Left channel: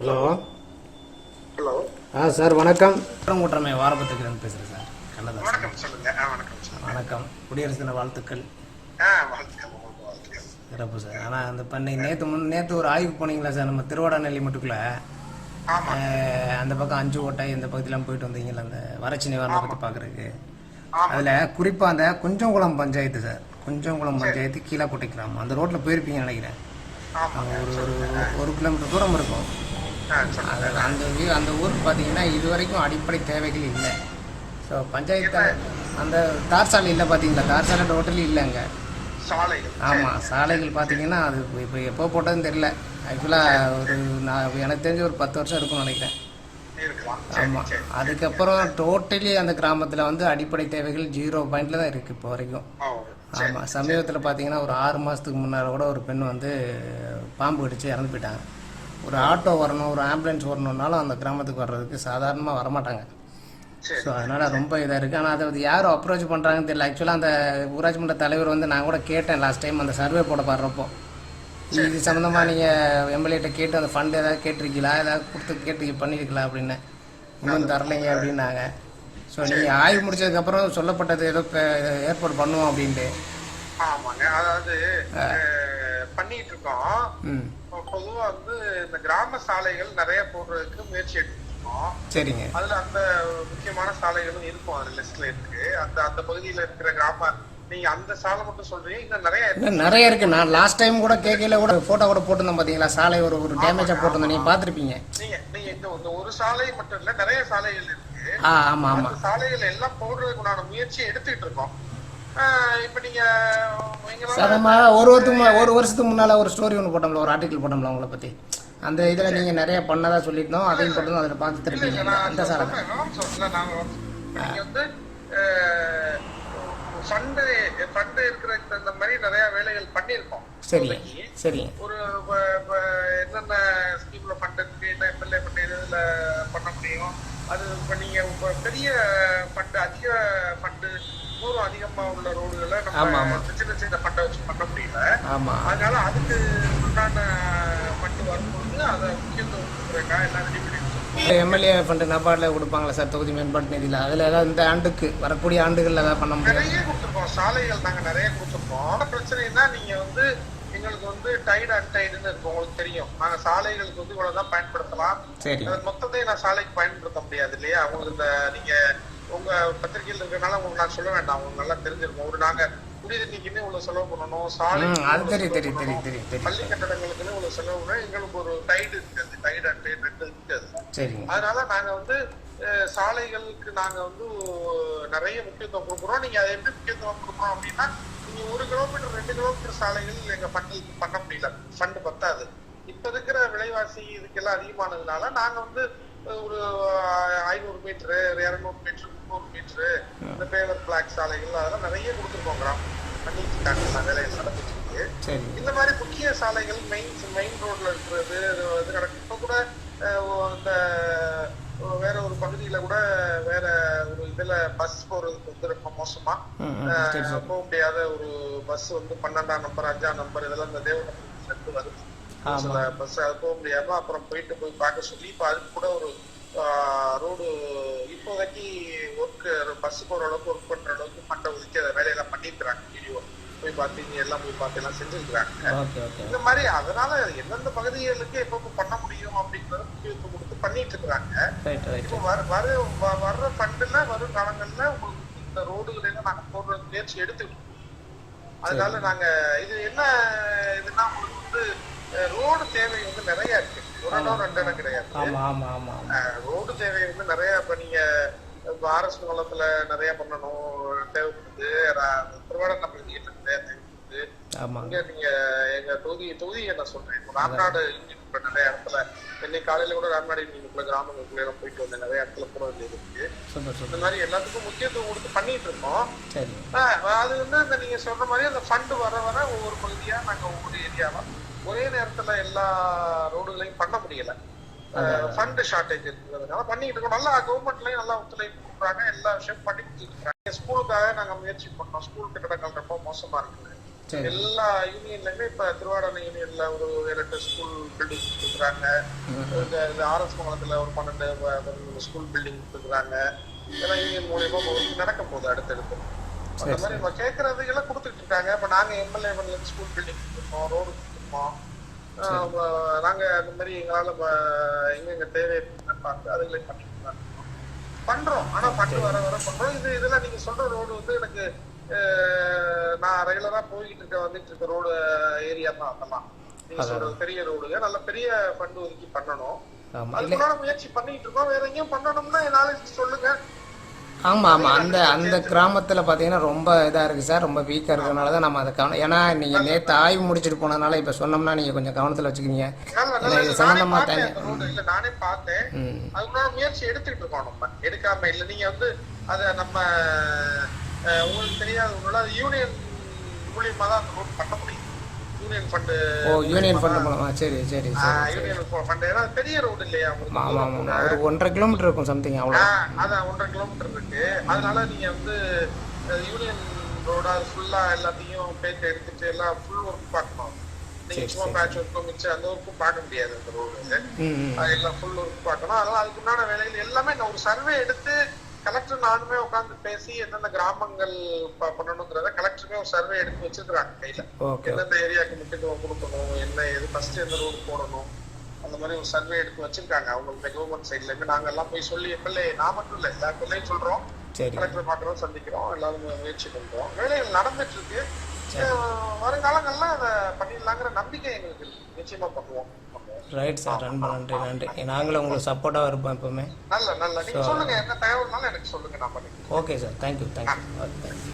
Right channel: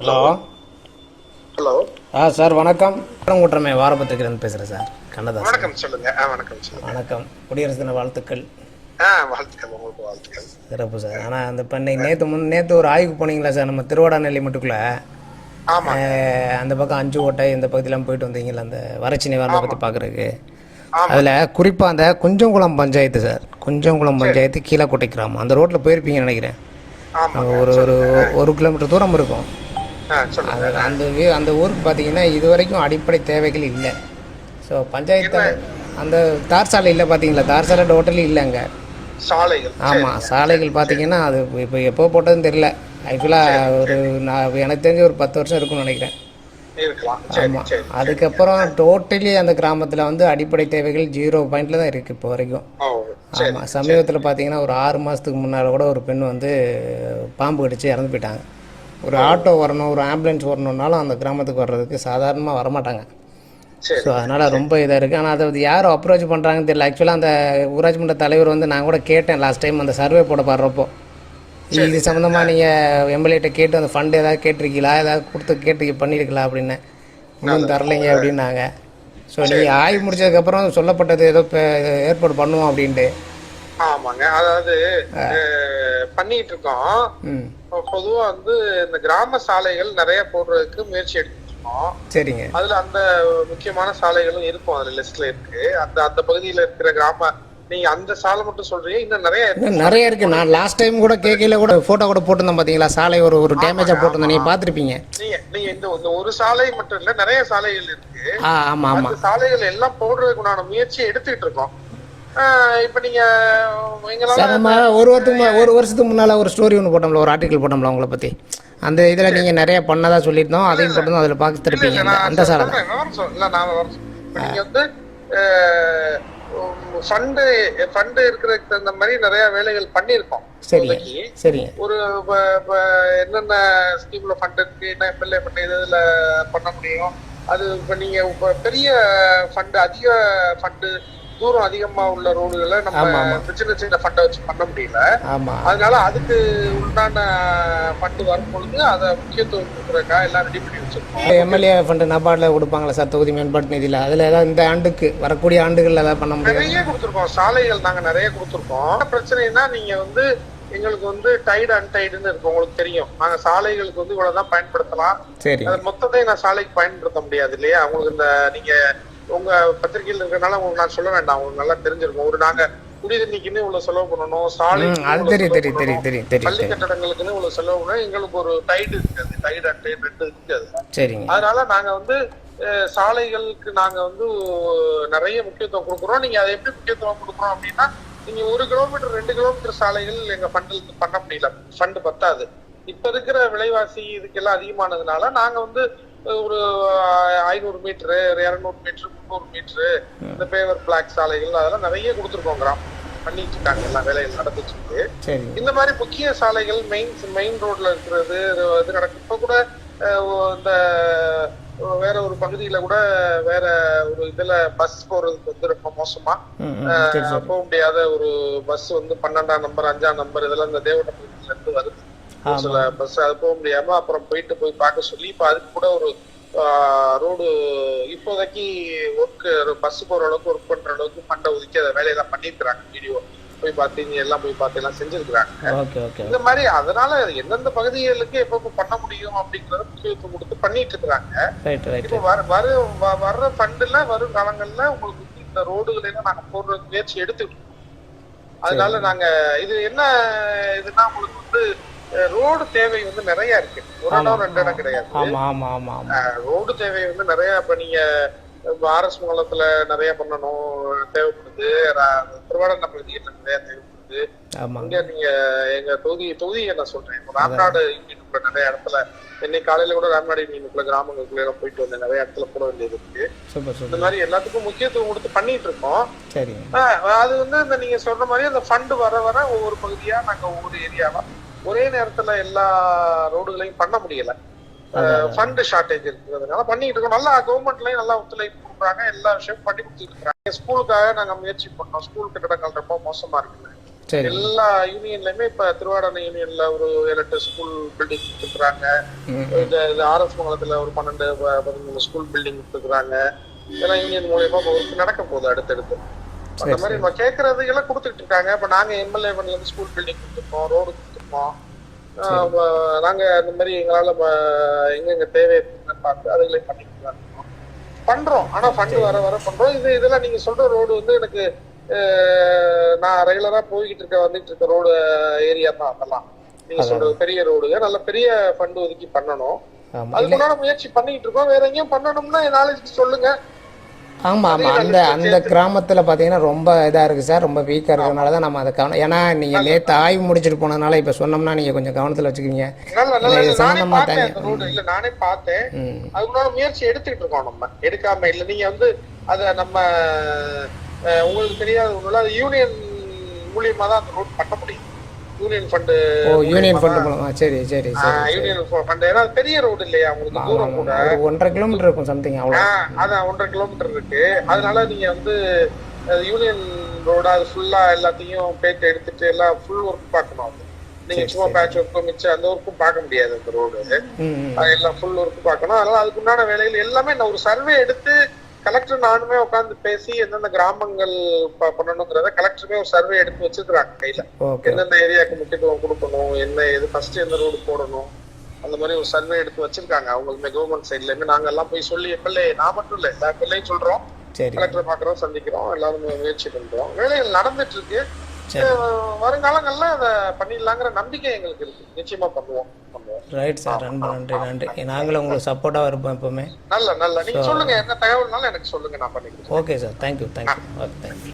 Hello. Hello. ஆ sir வணக்கம். கூட்டமே வாரபத்திரிக்கிலேருந்து பேசுகிறேன் சார். கண்ணதாசன். வணக்கம் சொல்லுங்க. ஆ வணக்கம் வணக்கம். குடியரசு தின வாழ்த்துக்கள். ஆ வாழ்த்துக்கள். உங்களுக்கு வாழ்த்துக்கள். சிறப்பு சார். ஆனால் அந்த பண்ணை நேற்று முன் நேற்று ஒரு ஆய்வுக்கு போனீங்களா சார்? நம்ம திருவாடாநெல்லி மட்டுக்குள்ள. அந்த பக்கம் அஞ்சு ஓட்டை இந்த பகுதியெல்லாம் போயிட்டு வந்தீங்களா அந்த வறட்சி நிவாரணத்தை பற்றி பார்க்குறதுக்கு. அதில் குறிப்பாக அந்த குஞ்சங்குளம் பஞ்சாயத்து சார். குஞ்சங்குளம் பஞ்சாயத்து கீழக்கோட்டை கிராமம். அந்த ரோட்டில் போயிருப்பீங்கன்னு நினைக்கிறேன். ஒரு ஒரு ஒரு கிலோமீட்டர் தூரம் இருக்கும். அது அந்த அந்த ஊருக்கு பார்த்தீங்கன்னா இது வரைக்கும் அடிப்படை தேவைகள் இல்லை. ஸோ பஞ்சாயத்து அந்த தார் சாலை இல்லை பார்த்தீங்களா தார் சாலை டோட்டலி இல்லைங்க சாலைகள். ஆமாம் சாலைகள் பார்த்தீங்கன்னா அது இப்போ எப்போ போட்டதுன்னு தெரியல. ஆக்சுவலாக ஒரு நான் எனக்கு தெரிஞ்சு ஒரு பத்து வருஷம் இருக்கும்னு நினைக்கிறேன். ஆமாம் அதுக்கப்புறம் டோட்டலி அந்த கிராமத்தில் வந்து அடிப்படை தேவைகள் ஜீரோ பாயிண்டில் தான் இருக்குது இப்போ வரைக்கும். ஆமாம் சமீபத்தில் பார்த்தீங்கன்னா ஒரு ஆறு மாதத்துக்கு முன்னால் கூட ஒரு பெண் வந்து பாம்பு கடிச்சு இறந்து போயிட்டாங்க. ஒரு ஆட்டோ வரணும் ஒரு ஆம்புலன்ஸ் வரணுன்னாலும் அந்த கிராமத்துக்கு வர்றதுக்கு சாதாரணமாக வரமாட்டாங்க. ஸோ அதனால் ரொம்ப இதாக இருக்குது ஆனால் அதை வந்து யாரும் அப்ரோச் பண்ணுறாங்கன்னு தெரியல. ஆக்சுவலாக அந்த ஊராட்சி மன்ற தலைவர் வந்து நான் கூட கேட்டேன் லாஸ்ட் டைம் அந்த சர்வே போட பாடுறப்போ. இது சம்மந்தமாக நீங்கள் எம்எல்ஏட்ட கேட்டு அந்த ஃபண்ட் ஏதாவது கேட்டிருக்கீங்களா? ஏதாவது கொடுத்து கேட்டு பண்ணியிருக்கலாம் அப்படின்னு. இன்னும் தரலைங்க அப்படின்னாங்க. ஸோ நீங்கள் ஆய்வு முடிச்சதுக்கப்புறம் சொல்லப்பட்டது ஏதோ ஏற்பாடு பண்ணுவோம் அப்படின்ட்டு. ஆமாங்க. அதாவது பண்ணிட்டு இருக்கோம். பொதுவா வந்து இந்த கிராம சாலைகள் நிறைய போடுறதுக்கு முயற்சி எடுத்துட்டு இருக்கோம் சரிங்க. அதுல அந்த முக்கியமான சாலைகளும் இருக்கும் அதுல லிஸ்ட்ல இருக்கு. அந்த அந்த பகுதியில இருக்கிற கிராம நீங்க அந்த சாலை மட்டும் சொல்றீங்க இன்னும் நிறைய இருக்கு. நிறைய இருக்குது நான் லாஸ்ட் டைம் கூட கேட்கல கூட ஃபோட்டோ கூட போட்டிருந்தேன் பார்த்தீங்களா சாலை ஒரு ஒரு டேமேஜாக போட்டிருந்தேன். நீங்கள் பார்த்துருப்பீங்க நீங்க நீங்க இந்த ஒரு சாலை மட்டும் இல்ல நிறைய சாலைகள் இருக்கு. ஆ ஆமாம் ஆமாம் அந்த சாலைகள் எல்லாம் போடுறதுக்கு உண்டான முயற்சியை எடுத்துக்கிட்டு இருக்கோம் இப்ப நீங்க நம்ம ஒரு வருஷத்துக்கு ஒரு வருஷத்துக்கு முன்னால் ஒரு ஸ்டோரி ஒன்று போட்டோம்ல ஒரு ஆர்டிக்கல் போட்டோம்ல உங்களை பற்றி அந்த இதில் நீங்கள் நிறைய பண்ணதா சொல்லியிருந்தோம் அதையும் போட்டு அதில் பார்த்துருப்பீங்க அந்த அந்த சாலை வந்து ஃபண்டு ஃபண்டு இருக்கிறதுக்கு தகுந்த மாதிரி நிறைய வேலைகள் பண்ணியிருக்கோம். சரிங்க ஒரு என்னென்ன ஸ்கீம்ல ஃபண்ட் இருக்கு என்ன எம்எல்ஏ ஃபண்ட் இதுல பண்ண முடியும்? அது இப்ப நீங்க இப்ப பெரிய ஃபண்ட் அதிக ஃபண்டு தூரம் அதிகமா உள்ள ரோடுகளை நம்ம. சின்ன சின்ன ஃபண்டை வச்சு பண்ண முடியல. அதனால அதுக்கு உண்டான ஃபண்டு வரும்பொழுது அதை முக்கியத்துவம் கொடுக்குறக்கா எல்லாம் ரெடி பண்ணி வச்சிருக்கோம். எம்எல்ஏ ஃபண்டு நபார்டில் கொடுப்பாங்களா சார் தொகுதி மேம்பாட்டு நிதியில். அதில் ஏதாவது இந்த ஆண்டுக்கு வரக்கூடிய ஆண்டுகளில் ஏதாவது பண்ண முடியும்? நிறைய கொடுத்துருக்கோம். சாலைகள் நாங்க நிறைய கொடுத்துருக்கோம். பிரச்சனைனா நீங்க வந்து எங்களுக்கு வந்து டைடு அன்டைடுன்னு இருக்கும் உங்களுக்கு தெரியும். நாங்க சாலைகளுக்கு வந்து இவ்வளவுதான் பயன்படுத்தலாம். சரிங்க அது மொத்தத்தை நான் சாலைக்கு பயன்படுத்த முடியாது இல்லையா? உங்களுக்கு இந்த நீங்க உங்க பத்திரிகையில் இருக்கிறனால உங்களுக்கு நான் சொல்ல வேண்டாம். உங்களுக்கு நல்லா தெரிஞ்சிருக்கும். ஒரு நாங்க குடிதண்ணிக்குன்னு இவ்வளவு செலவு பண்ணணும். சாலை பள்ளி கட்டடங்களுக்குன்னு இவ்வளவு செலவு பண்ணணும். எங்களுக்கு ஒரு டைடு இருக்காது டைடு அன்டைடு ரெண்டு இருக்காது அதனால நாங்க வந்து சாலைகளுக்கு நாங்க வந்து நிறைய முக்கியத்துவம் கொடுக்குறோம். நீங்க அதை எப்படி முக்கியத்துவம் கொடுக்குறோம் அப்படின்னா நீங்க ஒரு கிலோமீட்டர் ரெண்டு கிலோமீட்டர் சாலைகள் எங்க ஃபண்டுக்கு பண்ண முடியல. ஃபண்டு பத்தாது. இப்ப இருக்கிற விலைவாசி இதுக்கெல்லாம் அதிகமானதுனால நாங்க வந்து ஒரு ஐநூறு மீட்டரு ஒரு இருநூறு மீட்டரு முந்நூறு மீட்டரு இந்த பேவர் பிளாக் சாலைகள் அதெல்லாம் நிறைய கொடுத்துருக்கோம் கிராமம் பண்ணிட்டு இருக்காங்க எல்லாம் வேலைகள் நடந்துட்டு இருக்கு. இந்த மாதிரி முக்கிய சாலைகள் மெயின் மெயின் ரோட்ல இருக்கிறது இது நடக்கும். இப்ப கூட இந்த வேற ஒரு பகுதியில கூட வேற ஒரு இதுல பஸ் போறதுக்கு வந்து ரொம்ப மோசமா. போக முடியாத ஒரு பஸ் வந்து பன்னெண்டாம் நம்பர் அஞ்சாம் நம்பர் இதெல்லாம் இந்த தேவனபுரத்துல இருந்து வருது. ஒரு. சில பஸ் அது போக முடியாம அப்புறம் போயிட்டு போய் பார்க்க சொல்லி இப்ப அதுக்கு கூட ஒரு ரோடு இப்போதைக்கு ஒர்க் பஸ் போற அளவுக்கு ஒர்க் பண்ற அளவுக்கு ஃபண்டை ஒதுக்கி அதை வேலையெல்லாம் பண்ணிருக்கிறாங்க வீடியோ போய் பார்த்து இங்க எல்லாம் போய் பார்த்து எல்லாம் செஞ்சிருக்கிறாங்க. இந்த மாதிரி அதனால எந்தெந்த பகுதிகளுக்கு எப்ப பண்ண முடியும் அப்படிங்கறத முக்கியத்துவம் கொடுத்து பண்ணிட்டு இருக்கிறாங்க. இப்போ வர வர வர்ற ஃபண்டுல வரும் காலங்கள்ல உங்களுக்கு இந்த ரோடுகளை எல்லாம் நாங்க போடுற முயற்சி இருக்கோம். அதனால நாங்க இது என்ன இதுன்னா உங்களுக்கு வந்து ரோடு தேவை வந்து நிறைய இருக்கு. ஒரு இடம் ரெண்டு இடம் கிடையாது. ரோடு தேவை வந்து நிறைய இப்ப நீங்க ஆர்எஸ் மூலத்துல நிறைய பண்ணணும் தேவைப்படுது. திருவாரூர் பகுதியில் நிறைய தேவைப்படுது. இங்க நீங்க எங்க தொகுதி தொகுதியை நான் சொல்றேன் ராம்நாடு யூனியனுக்குள்ள நிறைய இடத்துல இன்னைக்கு காலையில கூட ராம்நாடு யூனியனுக்குள்ள கிராமங்களுக்குள்ள எல்லாம் போயிட்டு வந்தேன் நிறைய இடத்துல போட வேண்டியது இருக்கு. இந்த மாதிரி எல்லாத்துக்கும் முக்கியத்துவம் கொடுத்து பண்ணிட்டு இருக்கோம். அது வந்து இந்த நீங்க சொல்ற மாதிரி அந்த ஃபண்ட் வர வர ஒவ்வொரு பகுதியா நாங்க ஒவ்வொரு ஏரியாவா ஒரே நேரத்துல எல்லா ரோடுகளையும் பண்ண முடியல. ஃபண்ட் ஷார்டேஜ் இருக்கிறதுனால பண்ணிட்டு இருக்கோம். நல்லா கவர்மெண்ட்லயும் நல்லா ஒத்துழைப்பு கொடுக்குறாங்க. எல்லா விஷயமும் பண்ணி கொடுத்துட்டு இருக்காங்க ஸ்கூலுக்காக நாங்க முயற்சி பண்ணோம். ஸ்கூல் கட்டடங்கள் ரொம்ப மோசமா இருக்கு எல்லா யூனியன்லயுமே இப்ப திருவாரணை யூனியன்ல ஒரு ஏழு எட்டு ஸ்கூல் பில்டிங் கொடுத்துருக்காங்க இந்த ஆர்எஸ் மங்கலத்துல ஒரு பன்னெண்டு ஸ்கூல் பில்டிங் கொடுத்துருக்காங்க இதெல்லாம் யூனியன் மூலியமா ஒர்க் நடக்க போகுது அடுத்தடுத்து. அந்த மாதிரி நம்ம கேட்கறது எல்லாம் கொடுத்துட்டு இருக்காங்க. இப்ப நாங்க எம்எல்ஏ பண்ணல ஸ்கூல் பில்டிங் கொடுத்துருக்கோம். ரோடு வ- நாங்க இந்த மாதிரி எங்களால எங்கெங்க தேவை பார்த்து அதுகளை இருக்கோம். பண்றோம். ஆனா ஃபண்ட் வர வர பண்றோம். இது இதெல்லாம் நீங்க சொல்ற ரோடு வந்து எனக்கு நான் ரெகுலரா போய்கிட்டு இருக்க வந்துட்டு இருக்க ரோடு ஏரியா தான் அதெல்லாம். நீங்க சொல்றது பெரிய ரோடுங்க நல்ல பெரிய ஃபண்ட் ஒதுக்கி பண்ணணும். ஆமாம் அதுக்குள்ளான முயற்சி பண்ணிட்டு இருக்கோம். வேற எங்கேயும் பண்ணணும்னா நாளைக்கு சொல்லுங்க. ஆமாம் ஆமாம் அந்த அந்த கிராமத்தில் பார்த்தீங்கன்னா ரொம்ப இதாக இருக்குது சார். ரொம்ப வீக்காக இருக்கிறதுனால தான் நம்ம அதை கவனம் ஏன்னா நீங்கள் நேற்று ஆய்வு முடிச்சுட்டு போனதுனால இப்போ சொன்னோம்னா நீங்கள் கொஞ்சம் கவனத்தில் வச்சுக்கிங்க இது தனி- இல்ல. நானே பார்த்தேன். ம். அதுக்குள்ளான முயற்சி எடுத்துட்டு இருக்கோம் நம்ம. எடுக்காம இல்ல. நீங்க வந்து அத நம்ம உங்களுக்கு தெரியாத யூனியன் மூலியமா தான் அந்த ரோட் பண்ண முடியும். யூனியன் ஃபண்டு ஓ யூனியன் ஃபண்டு மூலமா சரி சரி சரி. யூனியன் ஃபண்ட் ஏன்னா பெரிய ரோடு இல்லையா உங்களுக்கு ஒன்றரை கிலோமீட்டர் இருக்கும் சம்திங் அவ்வளோ அதான் ஒன்றரை கிலோமீட்டர் இருக்கு. அதனால நீங்க வந்து யூனியன் ரோடா அது ஃபுல்லா எல்லாத்தையும் பேட்டு எடுத்துட்டு எல்லாம் ஃபுல் ஒர்க் பார்க்கணும் அது. நீங்க சும்மா பேட்ச் ஒர்க்கும் மிச்சம் அந்த ஒர்க்கும் பார்க்க முடியாது அந்த ரோடு அது எல்லாம் ஃபுல் ஒர்க் பார்க்கணும். அதனால அதுக்கு உண்டான வேலைகள் எல்லாமே நான் ஒரு சர்வே எடுத்து கலெக்டர் நானுமே உட்காந்து பேசி எந்தெந்த கிராமங்கள் பண்ணணுங்கிறத கலெக்டருமே ஒரு சர்வே எடுத்து வச்சிருக்காங்க கையில. எந்தெந்த ஏரியாவுக்கு முக்கியத்துவம் கொடுக்கணும் என்ன எது ஃபர்ஸ்ட் எந்த ரோடு போடணும் அந்த மாதிரி ஒரு சர்வே எடுத்து வச்சிருக்காங்க. அவங்களுமே கவர்மெண்ட் சைட்லயுமே நாங்க எல்லாம் போய் சொல்லி எம்எல்ஏ நான் மட்டும் இல்ல எல்லா எம்எல்ஏயும் சொல்றோம். கலெக்டர் பாக்குறோம் சந்திக்கிறோம் எல்லாரும் முயற்சி பண்றோம். வேலைகள் நடந்துட்டு இருக்கு. வருங்காலங்கள்ல அதை பண்ணிடலாங்கிற நம்பிக்கை எங்களுக்கு இருக்கு. நிச்சயமா பண்ணுவோம் ரைட் சார் ரொம்ப நன்றி நன்றி நாங்களும் உங்களுக்கு சப்போர்ட்டாக இருப்போம் எப்பவுமே. நல்ல நல்ல. நீங்க சொல்லுங்க என்ன தகவல்னாலும் எனக்கு சொல்லுங்க நான் பண்ணிக்கிறேன். Okay sir thank you thank you okay thank you